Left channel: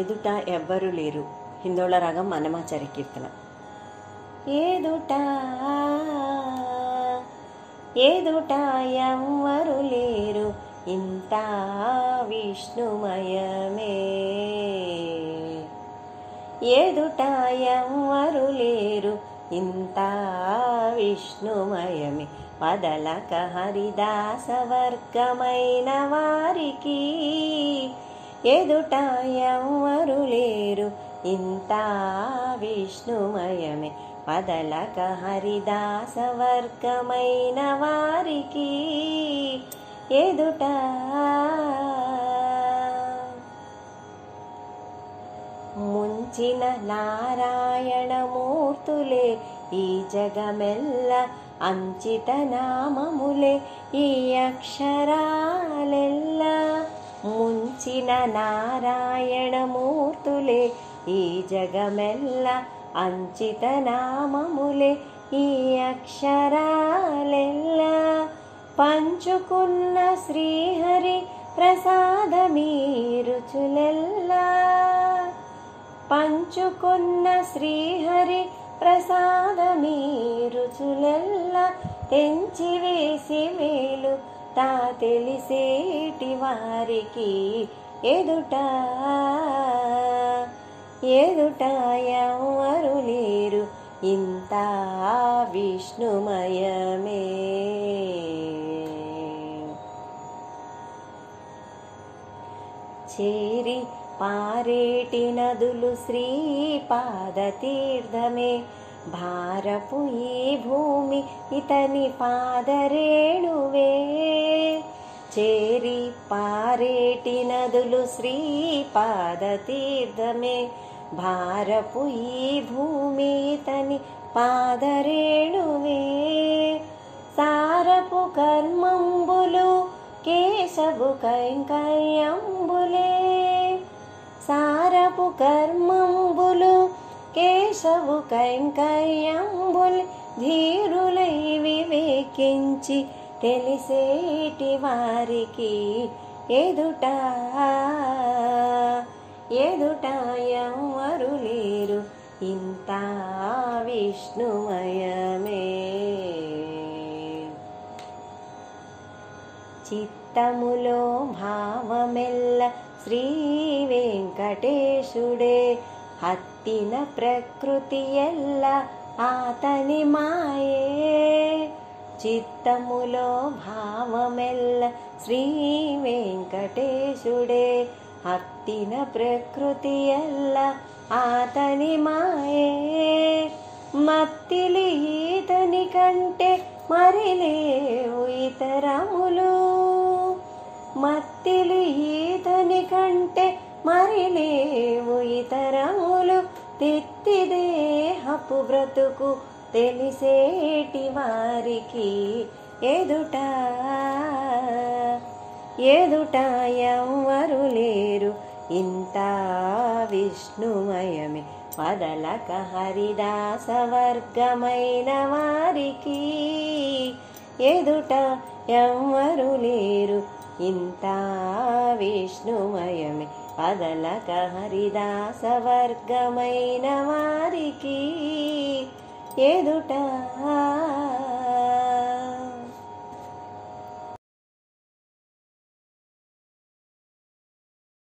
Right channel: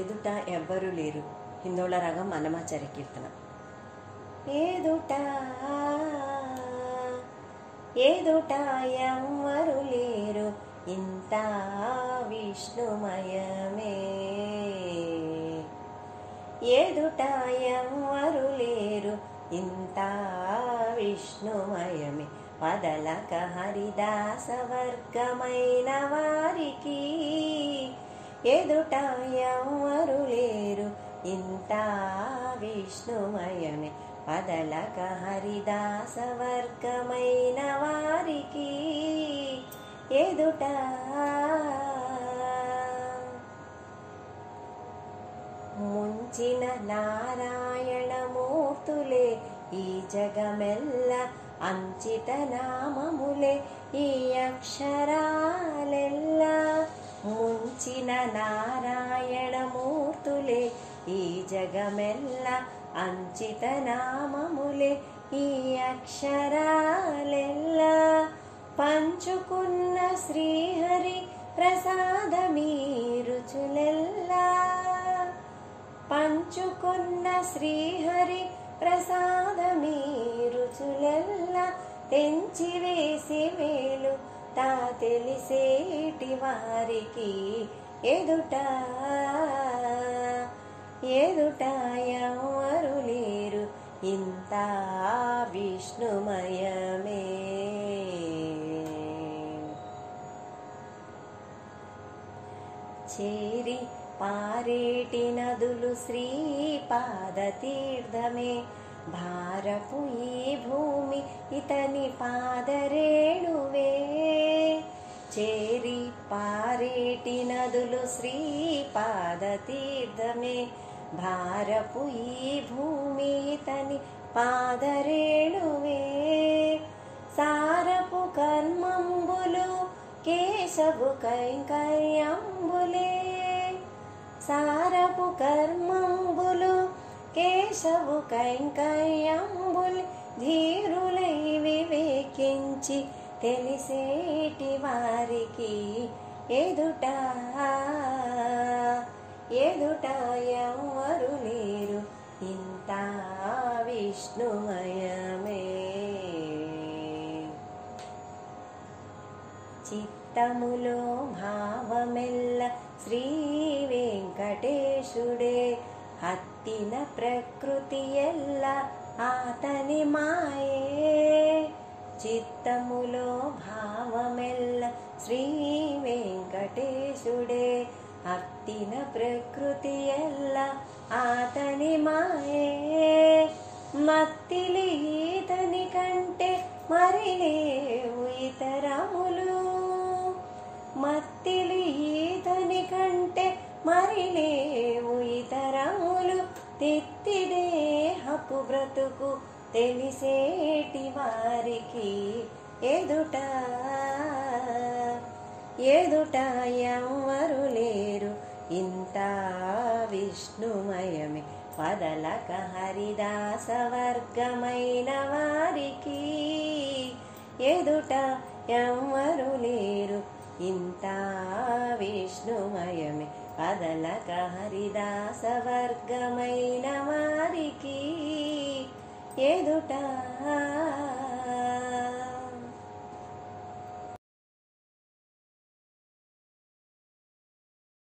ఎదుట ఎవ్వరు లేరు. హిందోళ రాగం అన్నమాచార్య కీర్తన. ఎదుట ఎదుట ఎవ్వరు లేరు, ఇంత విష్ణుమయమే. ఎదుట ఎవ్వరు లేరు, ఇంత విష్ణుమయమే. వదలక హరిదాస వర్గమైన వారికి ఎదుట ఎవ్వరు లేరు, ఇంత విష్ణుమయమే. వదలక హరిదాస వర్గమైన వారికి ఎదుట ముంచిన నారాయణమూర్తులే ఈ జగమెల్ల అంచిత నామములే ఈ అక్షరాలెల్ల. ముంచిన నారాయణమూర్తులే ఈ జగమెల్ల అంచిత నామములే ఈ అక్షరాలెల్ల. పంచుకున్న శ్రీహరి ప్రసాదమీ రుచులెల్లా. పంచుకున్న శ్రీహరి ప్రసాదమీ రుచులెల్లా. తెంచివేసి వేలు తా తెలిసేటి వారికి ఎదుట ఎదుట ఎవ్వరు లేరు, ఇంత విష్ణుమయమే. చేరి పారేటి నదులు శ్రీపాద తీర్థమే. భారపు ఈ భూమి ఇతని పాదరేణువే. చేరి పారేటి నదులు శ్రీపాద తీర్థమే. భారపు ఈ భూమి ఇతని పాదరేణువే. సారపు కర్మంబులు కేశవు కైంకర్యంబులే. సారపు కర్మంబులు కేశవు కైంకర్యంబులు. ధీరులై వివేకించి తెలిసేటి వారికి ఎదుట ఎదుట ఎవ్వరు లేరు, ఇంత విష్ణుమయమే. చిత్తములో భావమెల్ల శ్రీ వెంకటేశుడే. హత్తిన ప్రకృతి ఎల్ల ఆతని మాయే. చిత్తములో భావమెల్ల శ్రీ వెంకటేశుడే. హత్తిన ప్రకృతి ఎల్ల ఆతని మాయే. మత్తిలి ఈతని కంటే మరి లేవు ఇతరములు. మత్తిలి ఈతని కంటే మరి లేవు ఇతరములు. తెత్తి దేహపు బ్రతుకు తెలిసేటి వారికి ఎదుట ఎదుట ఎవ్వరు లేరు, ఇంత విష్ణుమయమే. వదలక హరిదాస వర్గమైన వారికి ఎదుట ఎవ్వరు లేరు, ఇంత విష్ణుమయమే. వదలక హరిదాస వర్గమైన వారికి ఎదుట